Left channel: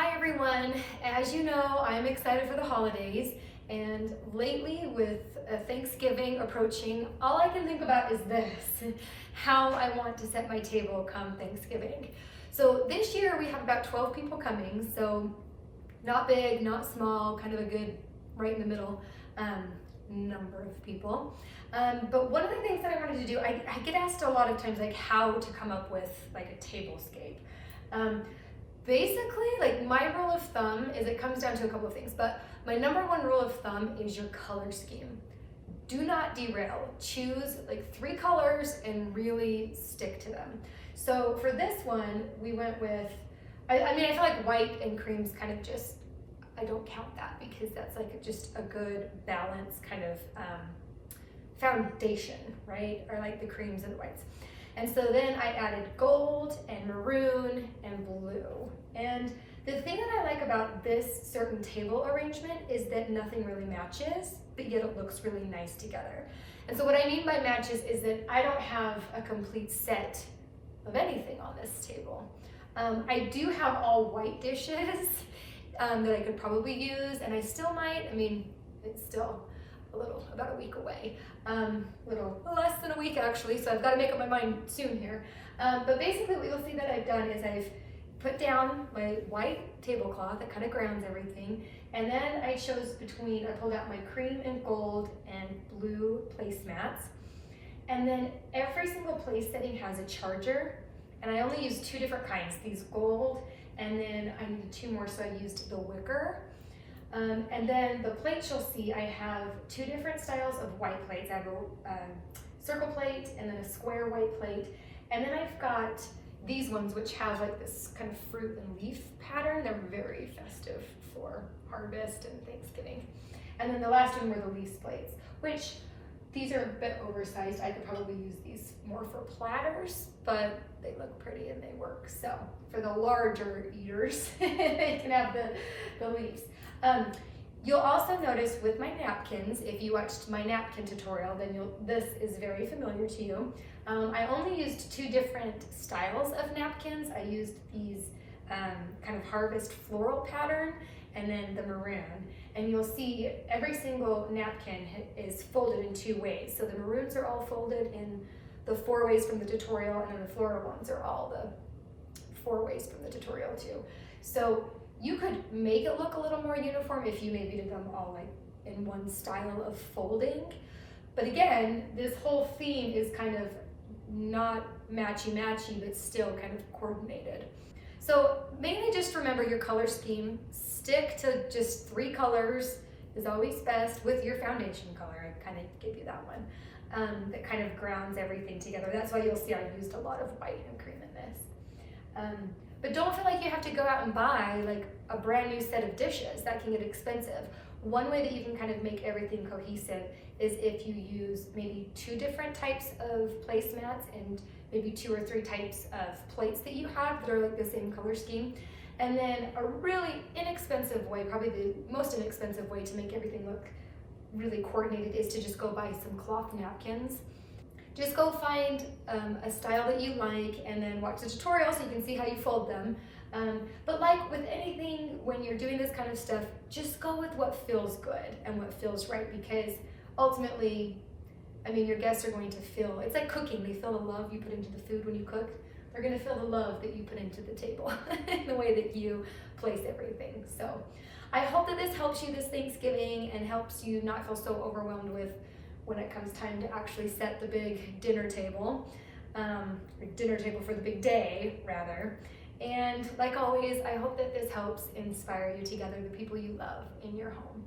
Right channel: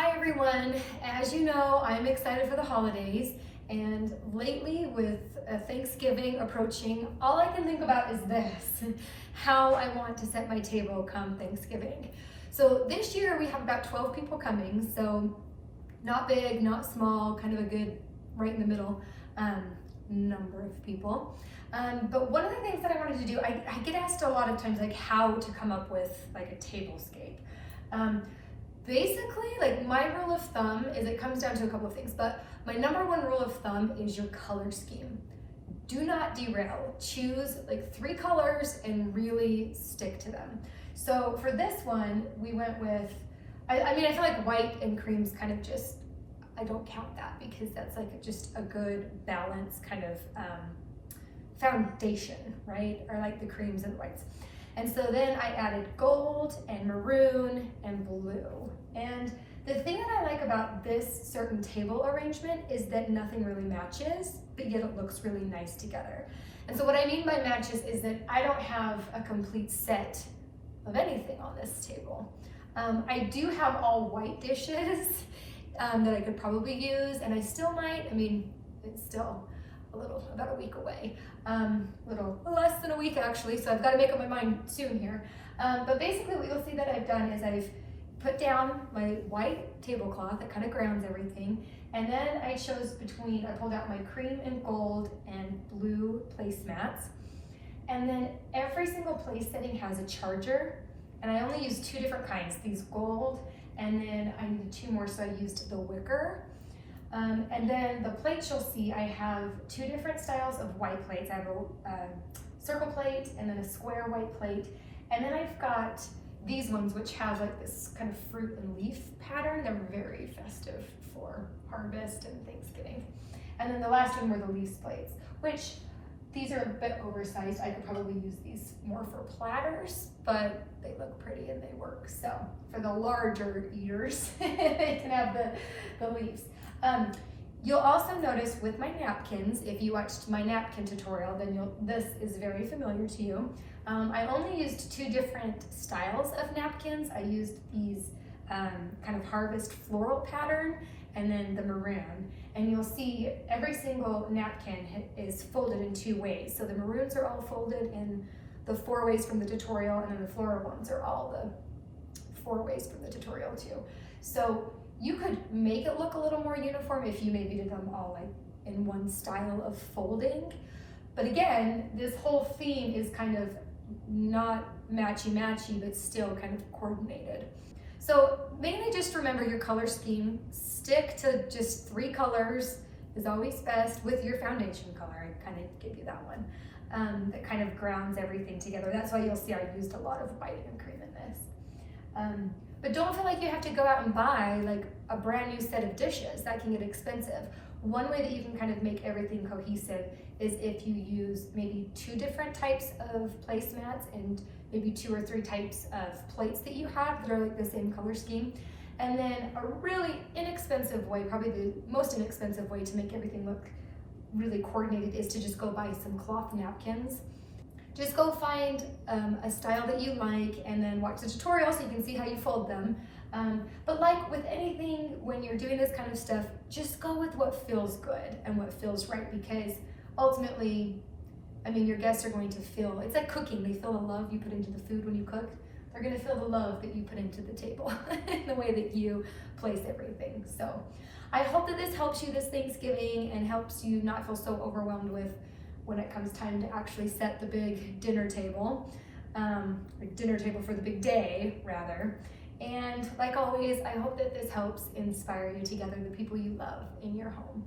Hi everyone, as you know, I'm excited for the holidays, and lately with Thanksgiving approaching, all I can think about is this, how I want to set my table come Thanksgiving. So this year we have about 12 people coming, so not big, not small, kind of a good right in the middle number of people. But one of the things that I wanted to do, I get asked a lot of times like how to come up with like a tablescape. Basically, like my rule of thumb is it comes down to a couple of things, but my number one rule of thumb is your color scheme. Do not derail. Choose like 3 colors and really stick to them. So for this one, we went with, I mean, I feel like white and cream's kind of just, I don't count that because that's like just a good balanced kind of foundation, right? Or like the creams and whites. And so then I added gold and maroon and blue. And the thing that I like about this certain table arrangement is that nothing really matches, but yet it looks really nice together. And so what I mean by matches is that I don't have a complete set of anything on this table. I do have all white dishes that I could probably use, and I still might, I mean, it's still about a week away, little less than a week actually, so I've got to make up my mind soon here. But basically what you'll see that I've done is I've put down my white tablecloth that kind of grounds everything, and then I pulled out my cream and gold and blue placemats, and then every single place setting has a charger, and I only used 2 different kinds, these gold, and then I needed 2 more, so I used the wicker. And then the plates you'll see, I have 2 different styles of white plates. I have a circle plate and then a square white plate. And then I've got these ones which have like this kind of fruit and leaf pattern. They're very festive for harvest and Thanksgiving. And then the last one were the leaf plates, which these are a bit oversized. I could probably use these more for platters, but they look pretty and they work. So for the larger eaters, they can have the leaves. You'll also notice with my napkins, if you watched my napkin tutorial, then this is very familiar to you. I only used 2 different styles of napkins. I used these kind of harvest floral pattern and then the maroon. And you'll see every single napkin is folded in 2 ways. So the maroons are all folded in the 4 ways from the tutorial, and then the floral ones are all the 4 ways from the tutorial too. So you could make it look a little more uniform if you maybe did them all like in one style of folding. But again, this whole theme is kind of not matchy-matchy, but still kind of coordinated. So mainly just remember your color scheme. Stick to just 3 colors is always best with your foundation color. I kind of gave you that one. That kind of grounds everything together. That's why you'll see I used a lot of white and cream in this. But don't feel like you have to go out and buy like a brand new set of dishes. That can get expensive. One way that you can kind of make everything cohesive is if you use maybe 2 different types of placemats and maybe 2 or 3 types of plates that you have that are like the same color scheme. And then a really inexpensive way, probably the most inexpensive way to make everything look really coordinated is to just go buy some cloth napkins. Just go find a style that you like and then watch the tutorial so you can see how you fold them. But like with anything, when you're doing this kind of stuff, just go with what feels good and what feels right, because ultimately, I mean, your guests are going to feel, it's like cooking, they feel the love you put into the food when you cook. They're gonna feel the love that you put into the table in the way that you place everything. So I hope that this helps you this Thanksgiving and helps you not feel so overwhelmed with when it comes time to actually set the big dinner table, or dinner table for the big day, rather. And like always, I hope that this helps inspire you to gather the people you love in your home.